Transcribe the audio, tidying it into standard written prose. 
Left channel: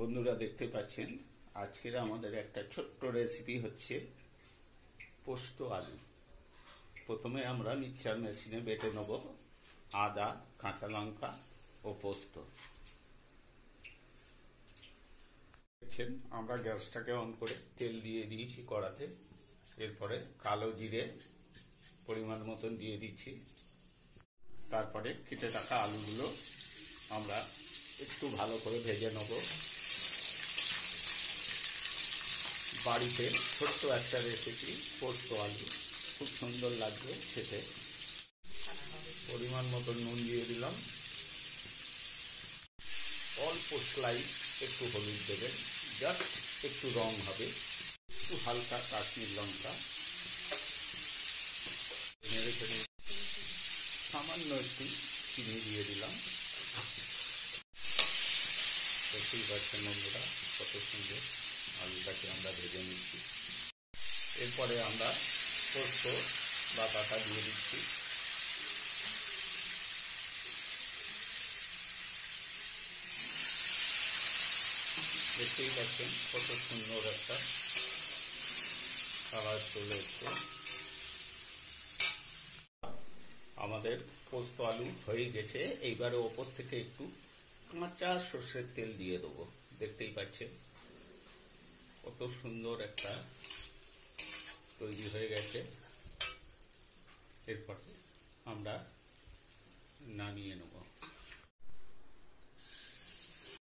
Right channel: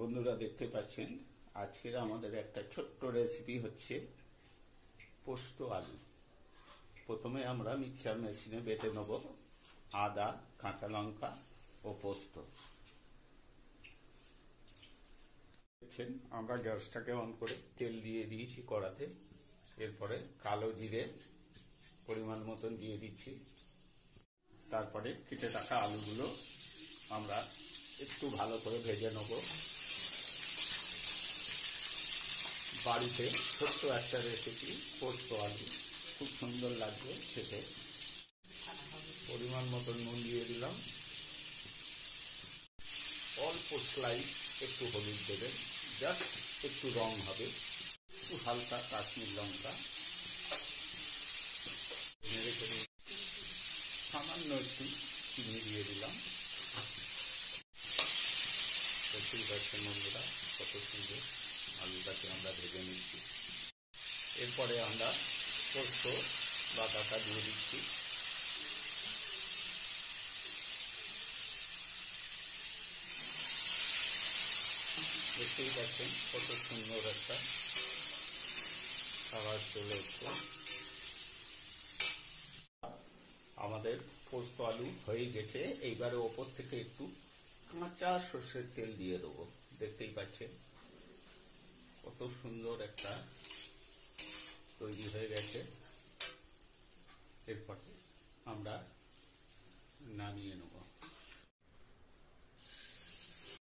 বন্ধুরা দেখতে পাচ্ছেন আজকের আমাদের একটা ছোট্ট রেসিপি হচ্ছে পোস্ত আলু। প্রথমে আমরা মিক্সচার মেশিনে বেটে নেব আদা, কাঁচা লঙ্কা ও পোস্ত। দেখছেন আমরা গ্যাসটাকে অন করে তেল দিয়ে দিয়েছি কড়াতে। এরপরে কালো জিরে পরিমাণ মতন দিয়ে দিচ্ছি। তারপরে কেটে রাখা আলুগুলো আমরা একটু ভালো করে ভেজে নেব। বাড়িতে ছোট্ট একটা রেসিপি পোস্ত আলু, খুব সুন্দর লাগবে খেতে। পরিমাণ মতো নুন দিয়ে দিলাম, অল্প স্লাইস একটু হলুদ দেবেন, জাস্ট একটু রং হবে, একটু হালকা কাশ্মীর লঙ্কা, সামান্য একটু চিনি দিয়ে দিলাম। দেখতেই পাচ্ছেন বন্ধুরা কত সুন্দর আলুটাকে আমরা ভেজে নিচ্ছি। এরপরে আমরা পোস্ত বাটাটা দিয়ে দিচ্ছি। দেখতেই পাচ্ছেন কত সুন্দর একটা কালার চলে এসছে। আমাদের পোস্ত আলু হয়ে গেছে। এইবারে ওপর থেকে একটু কাঁচা সর্ষের তেল দিয়ে দেবো। দেখতেই পাচ্ছেন কত সুন্দর একটা তৈরি হয়ে গেছে। এরপরে আমরা নামিয়ে নেব।